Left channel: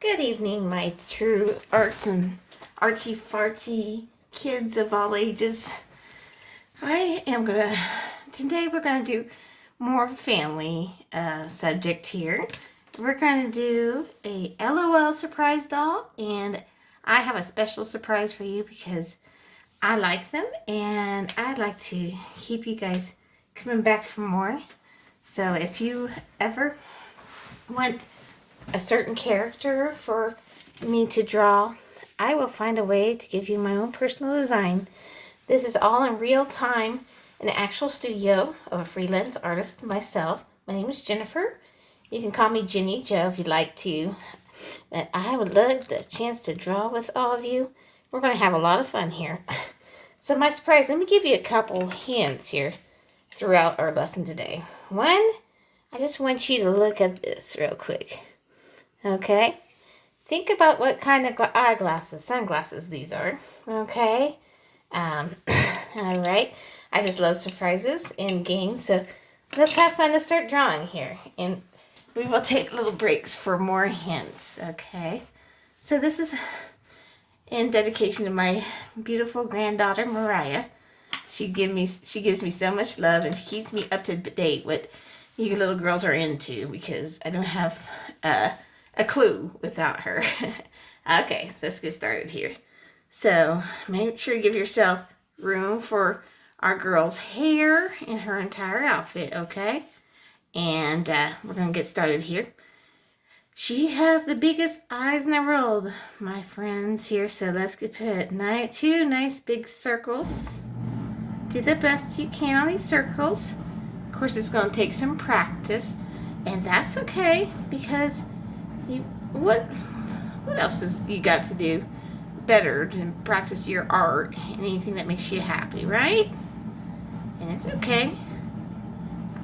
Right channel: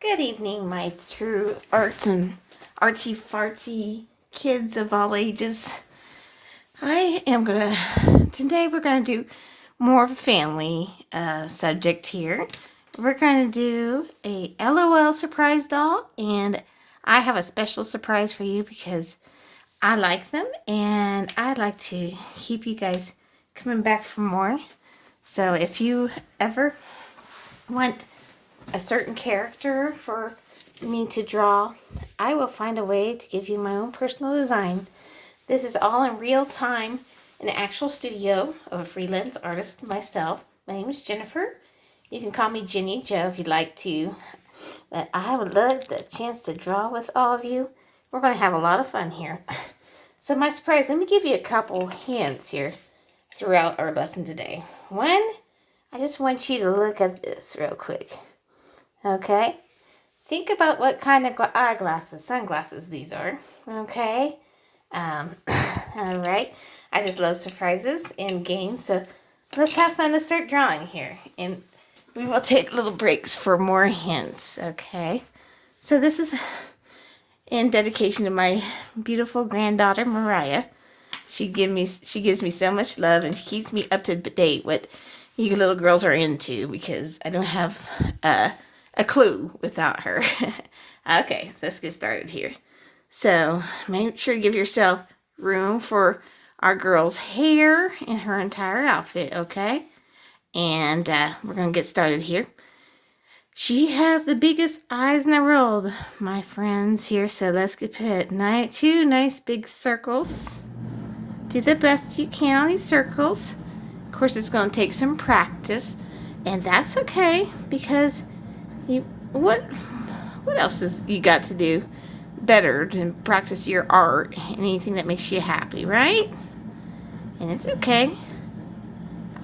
Good evening, my true arts and artsy fartsy kids of all ages. Today we're gonna do more of a family subject here. We're gonna do a LOL surprise doll, and I have a special surprise for you because I like them and I like to keep you guys coming back for more. So if you ever want a certain character for me to draw, I will find a way to give you my own personal design. This is all in real time in the actual studio of a freelance artist myself. My name is Jennifer. You can call me Jenny Joe if you'd like to. But I would love the chance to draw with all of you. We're going to have a lot of fun here. So my surprise, let me give you a couple hints here throughout our lesson today. One, I just want you to look at this real quick. Okay? Think about what kind of sunglasses these are. Okay? All right. I just love surprises and games, so let's have fun to start drawing here. And we will take little breaks for more hints. Okay? So this is in dedication to my beautiful granddaughter, Mariah. She gives me so much love, and she keeps me up to date what you little girls are into, because I don't have a clue without her. Okay, so let's get started here. So make sure you give yourself room for our girl's hair and her entire outfit, okay? And we're going to get started here. She has the biggest eyes in the world, my friends, here. So let's put two nice big circles. Do the best you can on these circles. Of course, it's going to take some practice, and that's okay, because what else is you got to do better than practice your art and anything that makes you happy, right? And it's okay.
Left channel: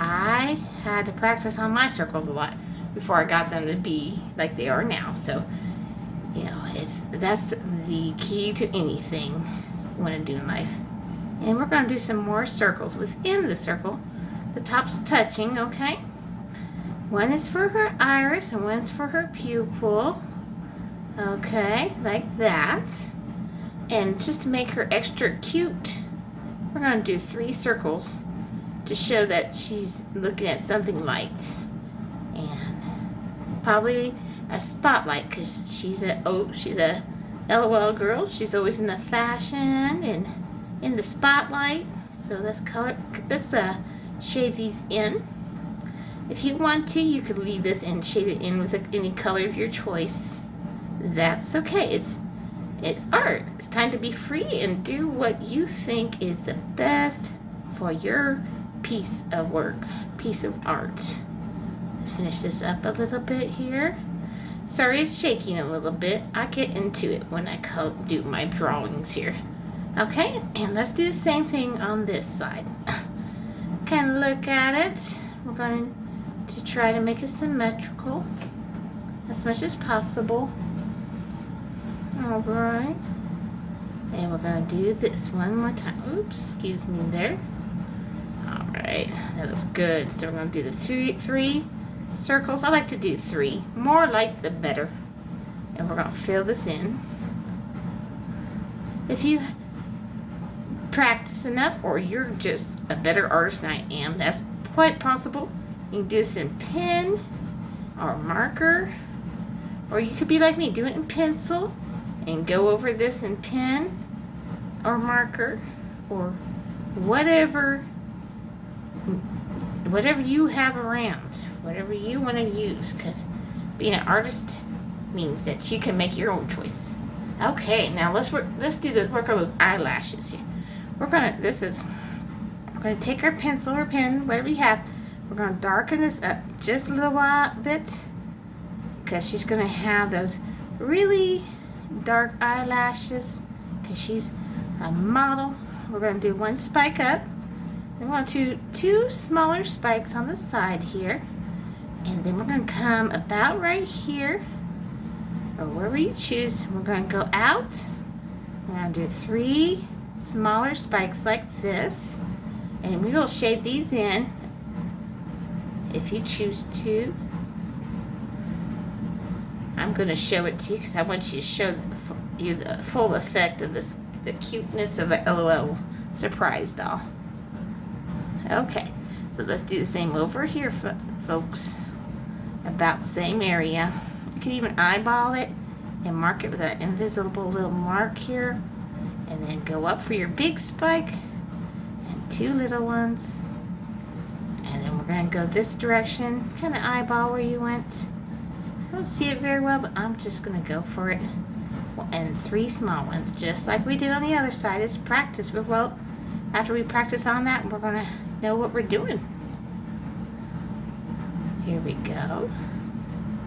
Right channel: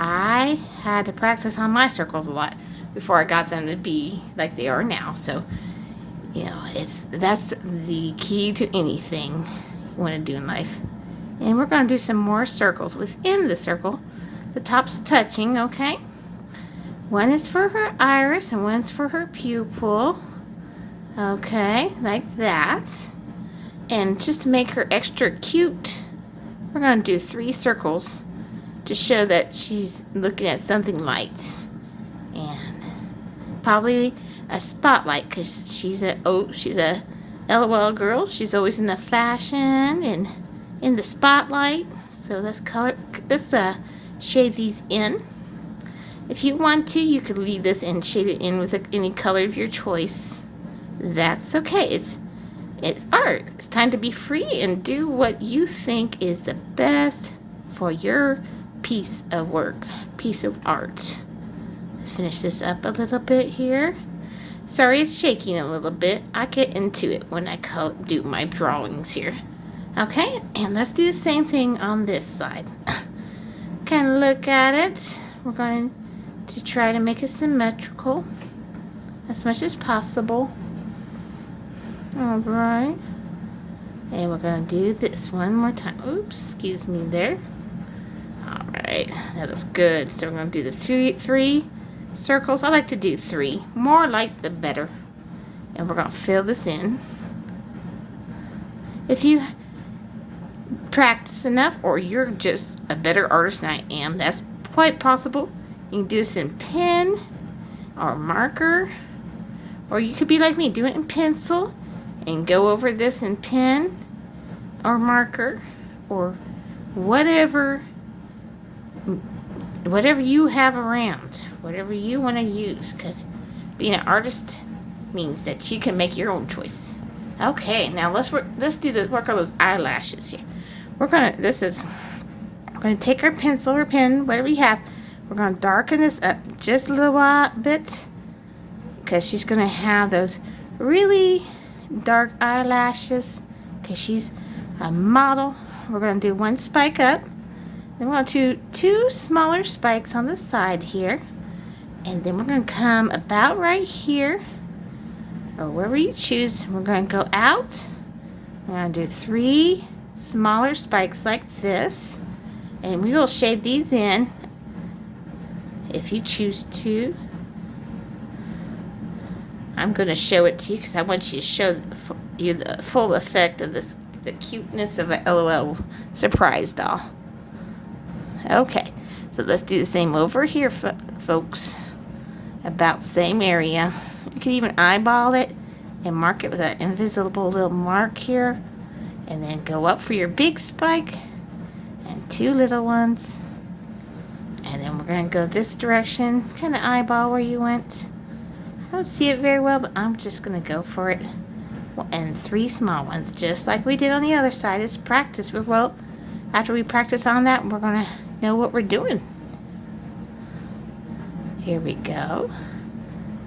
I had to practice on my circles a lot before I got them to be like they are now. So, that's the key to anything you want to do in life. And we're going to do some more circles within the circle. The top's touching, okay? One is for her iris and one's for her pupil. Okay, like that. And just to make her extra cute, we're going to do 3 circles to show that she's looking at something light. And probably a spotlight, because she's a LOL girl. She's always in the fashion and in the spotlight. So let's shade these in. If you want to, you could leave this and shade it in with any color of your choice. That's okay. It's art. It's time to be free and do what you think is the best for your piece of work, piece of art. Let's finish this up a little bit here. Sorry, it's shaking a little bit. I get into it when I do my drawings here. Okay, and let's do the same thing on this side. Kind of look at it. We're going to try to make it symmetrical as much as possible. All right. And we're going to do this one more time. Oops, excuse me there. All right, that looks good. So we're going to do the three circles. I like to do 3. More light, the better. And we're going to fill this in. If you practice enough, or you're just a better artist than I am, that's quite possible. You can do this in pen or marker, or you could be like me, do it in pencil and go over this in pen or marker, or whatever you have around, whatever you want to use, because being an artist means that you can make your own choices. Okay, now let's work on those eyelashes here. We're going to take our pencil or pen, whatever you have. We're going to darken this up just a little bit, because she's going to have those really dark eyelashes, because she's a model. We're going to do 1 spike up. Then we're going to do 2 smaller spikes on the side here. And then we're going to come about right here, or wherever you choose. We're going to go out. We're going to do 3 smaller spikes like this, and we will shade these in if you choose to. I'm going to show it to you because I want you to show you the full effect of this, the cuteness of a LOL surprise doll. Okay, so let's do the same over here, folks. About the same area. You can even eyeball it and mark it with that invisible little mark here. And then go up for your big spike and 2 little ones. And then we're going to go this direction. Kind of eyeball where you went. I don't see it very well, but I'm just going to go for it. And 3 small ones, just like we did on the other side. It's practice. Well, after we practice on that, we're going to know what we're doing. Here we go.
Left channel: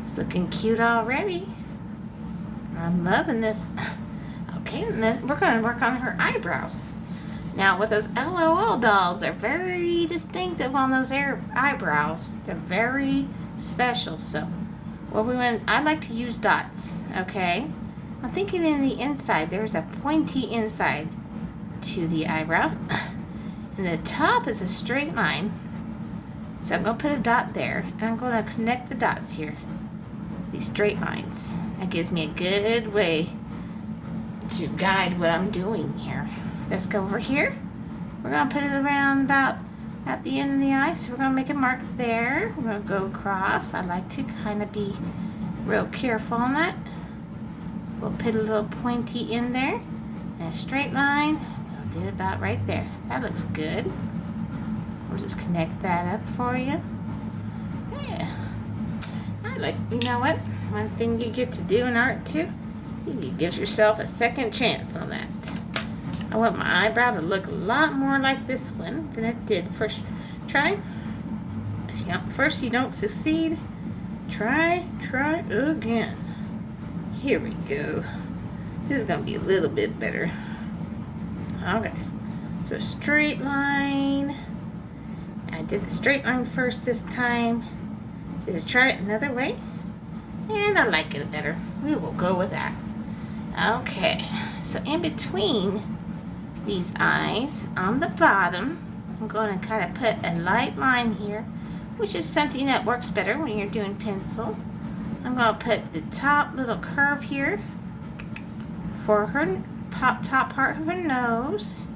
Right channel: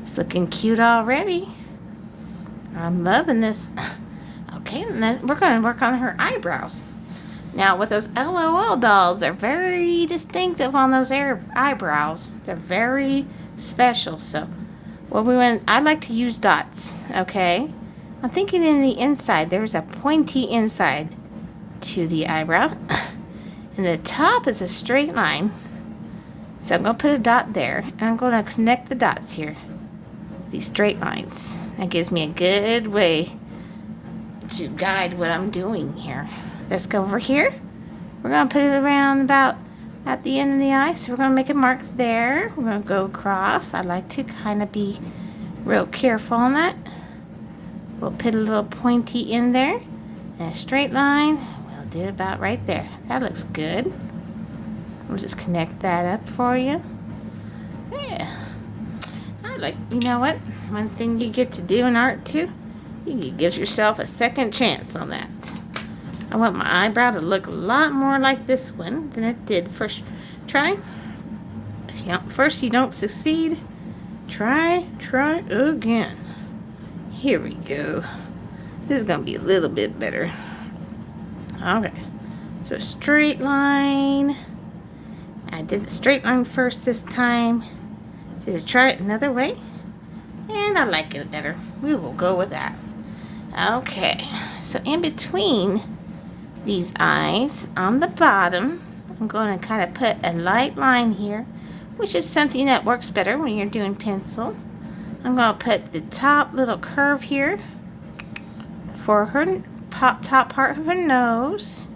It's looking cute already. I'm loving this. Okay, and then we're going to work on her eyebrows. Now, with those LOL dolls, they're very distinctive on those eyebrows. They're very special. So, I like to use dots, okay? I'm thinking in the inside, there's a pointy inside to the eyebrow. And the top is a straight line. So I'm going to put a dot there. And I'm going to connect the dots here. These straight lines. That gives me a good way to guide what I'm doing here. Let's go over here. We're going to put it around about at the end of the eye. So we're going to make a mark there. We're going to go across. I like to kind of be real careful on that. We'll put a little pointy in there. And a straight line. We'll do it about right there. That looks good. We'll just connect that up for you. Yeah. You know what? One thing you get to do in art too, you give yourself a second chance on that. I want my eyebrow to look a lot more like this one than it did first try. First you don't succeed, try again. Here we go. This is going to be a little bit better. Okay, so a straight line. I did the straight line first this time. So just try it another way. And I like it better. We will go with that. Okay, so in between these eyes, on the bottom, I'm going to kind of put a light line here, which is something that works better when you're doing pencil. I'm going to put the top little curve here for her top part of her nose.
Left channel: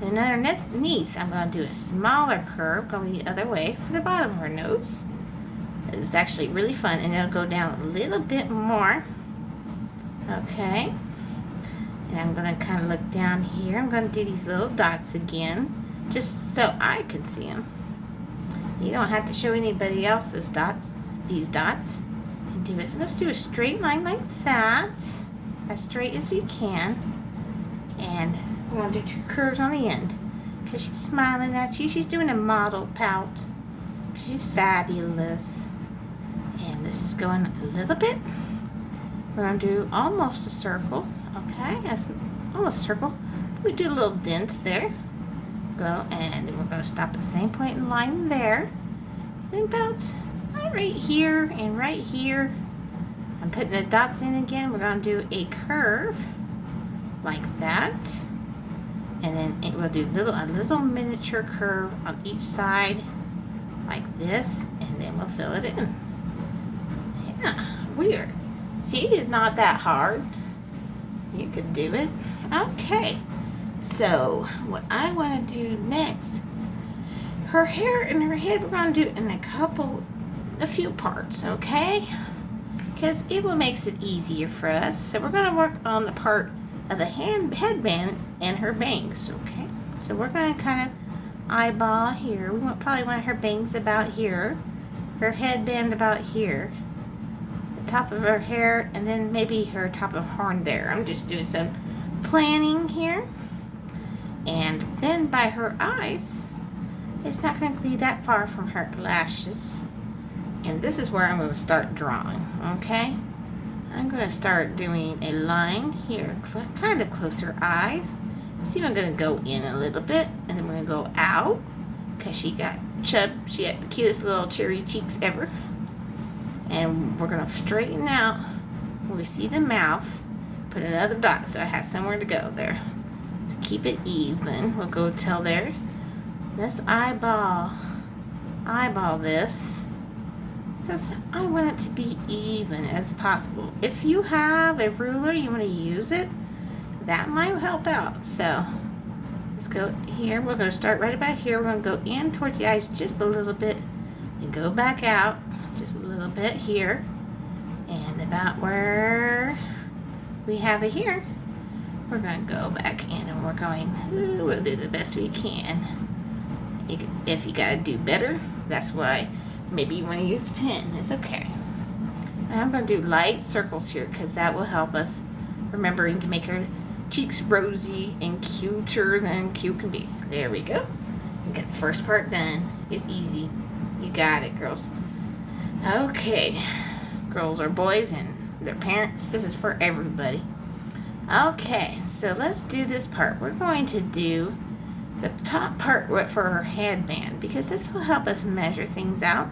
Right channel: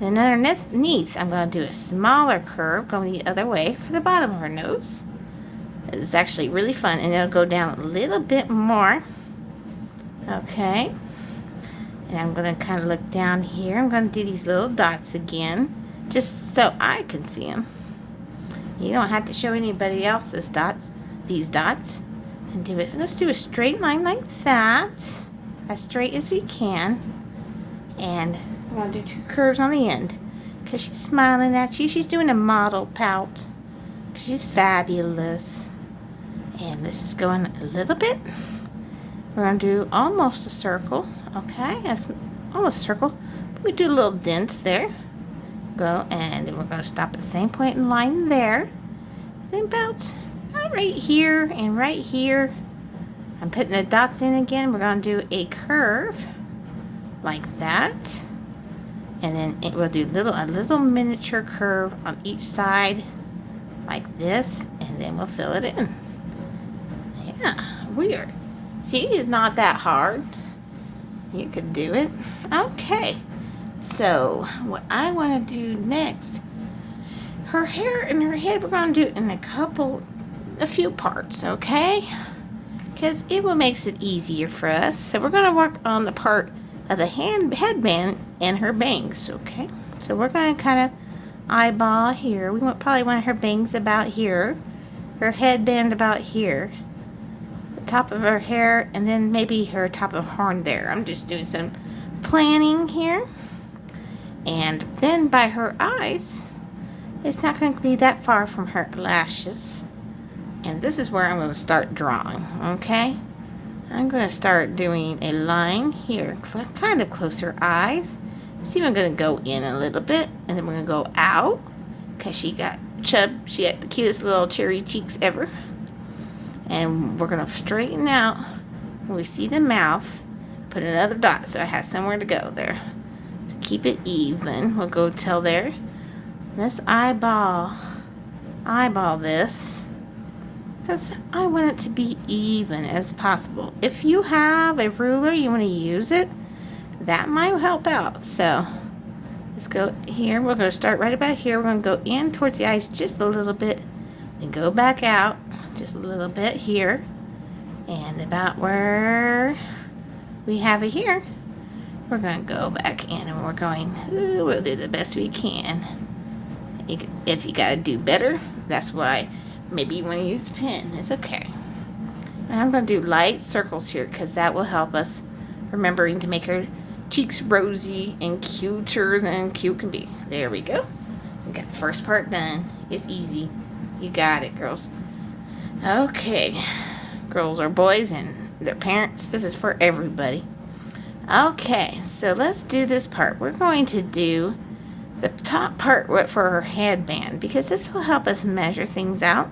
And underneath, I'm going to do a smaller curve going the other way for the bottom of her nose. It's actually really fun, and it'll go down a little bit more. Okay. And I'm going to kind of look down here. I'm going to do these little dots again, just so I can see them. You don't have to show anybody else these dots. And do it. Let's do a straight line like that, as straight as we can. And we're going to do 2 curves on the end, because she's smiling at you. She's doing a model pout. She's fabulous. And this is going a little bit. We're going to do almost a circle. Okay, that's almost a circle. We do a little dent there. Go, and then we're going to stop at the same point in line there. Then bounce right here and right here. I'm putting the dots in again. We're going to do a curve like that. And then we'll do a little miniature curve on each side like this. And then we'll fill it in. Yeah, weird. See, it's not that hard. You could do it. Okay, so what I want to do next, her hair and her head, we're going to do it in a few parts, okay? Because it will makes it easier for us. So we're going to work on the part of the headband and her bangs, okay? So we're going to kind of eyeball here. We probably want her bangs about here, her headband about here, top of her hair, and then maybe her top of horn there. I'm just doing some planning here. And then by her eyes, it's not going to be that far from her lashes. And this is where I'm going to start drawing, okay? I'm going to start doing a line here, kind of close to her eyes. It's even going to go in a little bit, and then we're going to go out, because she had the cutest little cherry cheeks ever. And we're going to straighten out when we see the mouth, put another dot so it has somewhere to go there. So keep it even. We'll go till there. Let's eyeball this. because I want it to be even as possible. If you have a ruler, you want to use it, that might help out. So let's go here. We're going to start right about here. We're going to go in towards the eyes just a little bit and go back out just a little bit here, and about where we have it here, we're going to go back in and we're going, ooh, we'll do the best we can. If you got to do better, that's why maybe you want to use a pen. It's okay. And I'm going to do light circles here because that will help us remembering to make our cheeks rosy and cuter than cute can be. There we go. We got the first part done. It's easy. You got it, girls. Okay. Girls or boys and their parents. This is for everybody. Okay, so let's do this part. We're going to do the top part for her headband because this will help us measure things out.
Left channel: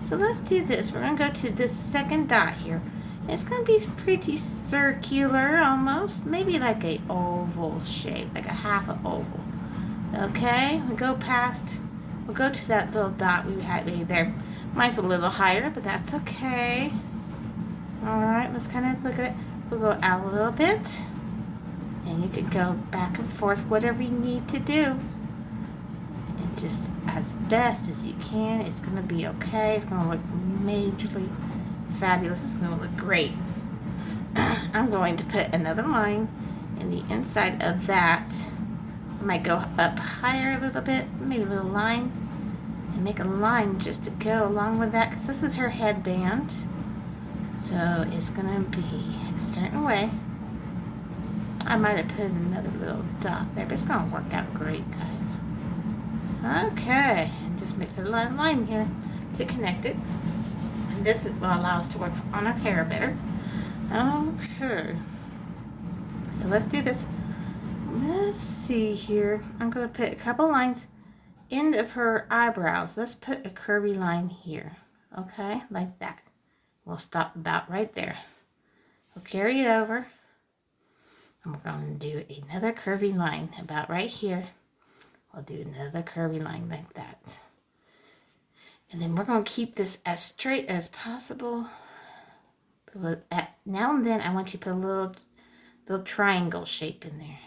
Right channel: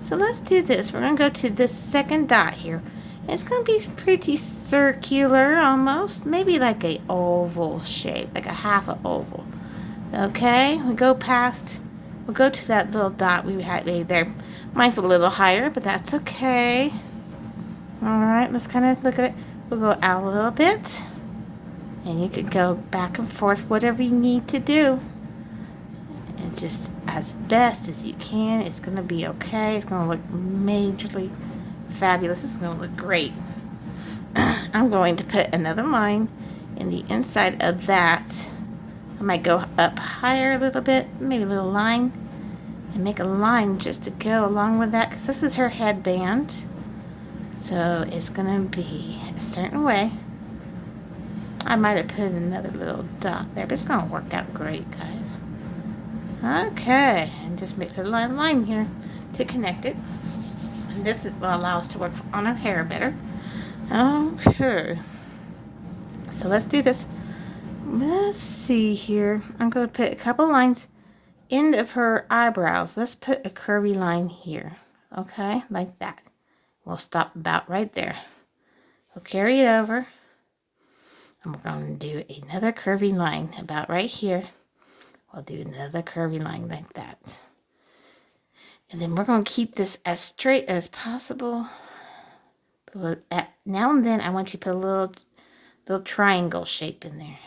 So let's do this. We're going to go to this second dot here. It's going to be pretty circular almost, maybe like a oval shape, like a half an oval. Okay, we go past, we'll go to that little dot we had made there. Mine's a little higher, but that's okay. All right, let's kind of look at it. We'll go out a little bit, and you can go back and forth, whatever you need to do. And just as best as you can, it's going to be okay. It's going to look majorly fabulous. It's going to look great. I'm going to put another line in the inside of that. I might go up higher a little bit, maybe a little line, and make a line just to go along with that, because this is her headband. So it's going to be a certain way. I might have put another little dot there, but it's going to work out great, guys. Okay, and just make a line here to connect it. And this will allow us to work on our hair better. Okay, so let's do this. Let's see here. I'm going to put a couple lines end of her eyebrows. Let's put a curvy line here. Okay, like that. We'll stop about right there. We'll carry it over. And we're going to do another curvy line about right here. We'll do another curvy line like that. And then we're going to keep this as straight as possible. But now and then, I want you to put a little triangle shape in there.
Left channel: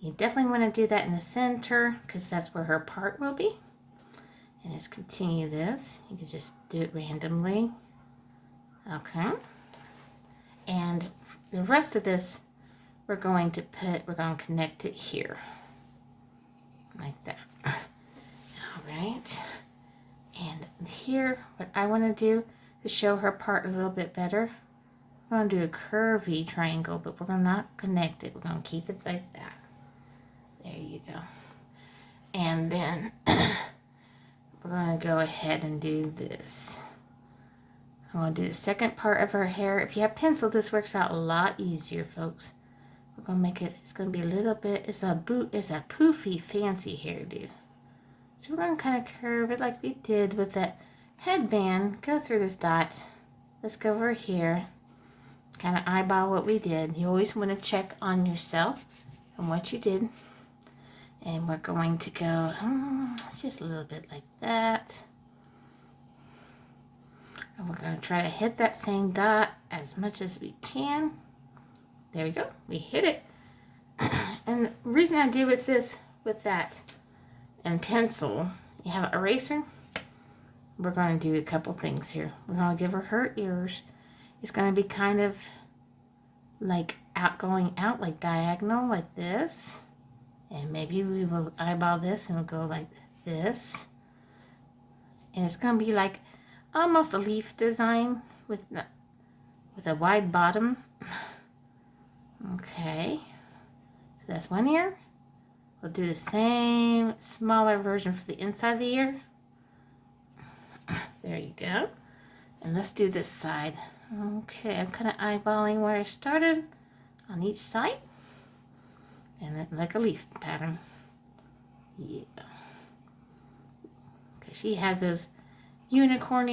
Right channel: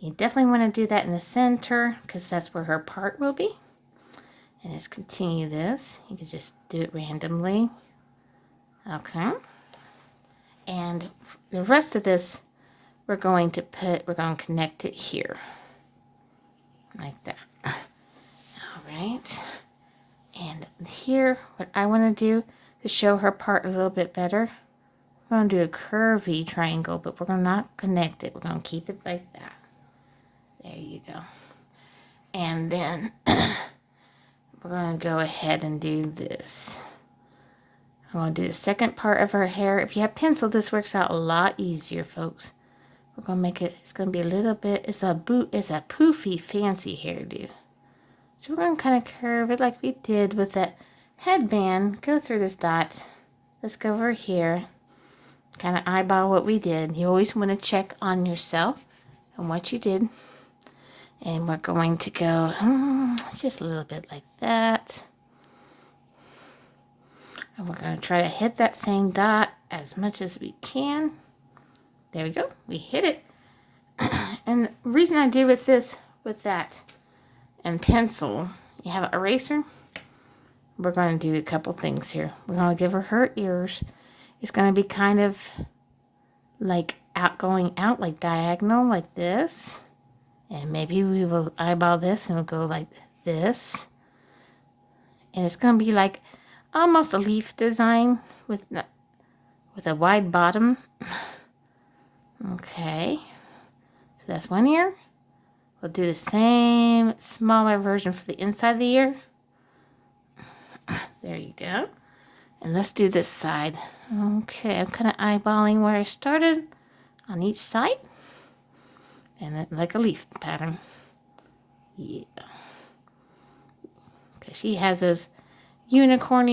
You definitely want to do that in the center because that's where her part will be. And let's continue this. You can just do it randomly. Okay. And the rest of this, we're going to connect it here. Like that. All right. And here, what I want to do to show her part a little bit better, we're going to do a curvy triangle, but we're going to not connect it. We're going to keep it like that. There you go. And then we're going to go ahead and do this. I'm going to do the second part of her hair. If you have pencil, this works out a lot easier, folks. We're going to make it, it's going to be a little bit, it's a poofy, fancy hairdo. So we're going to kind of curve it like we did with that headband. Go through this dot. Let's go over here. Kind of eyeball what we did. You always want to check on yourself and what you did. And we're going to go just a little bit like that. And we're going to try to hit that same dot as much as we can. There we go. We hit it. And the reason I do with that, and pencil, you have an eraser. We're going to do a couple things here. We're going to give her ears. It's going to be kind of like going out like diagonal like this. And maybe we will eyeball this and we'll go like this. And it's going to be like almost a leaf design with a wide bottom. Okay. So that's one ear. We'll do the same smaller version for the inside of the ear. There you go. And let's do this side. Okay, I'm kind of eyeballing where I started on each side. And then like a leaf pattern. Yeah. Because she has those unicorn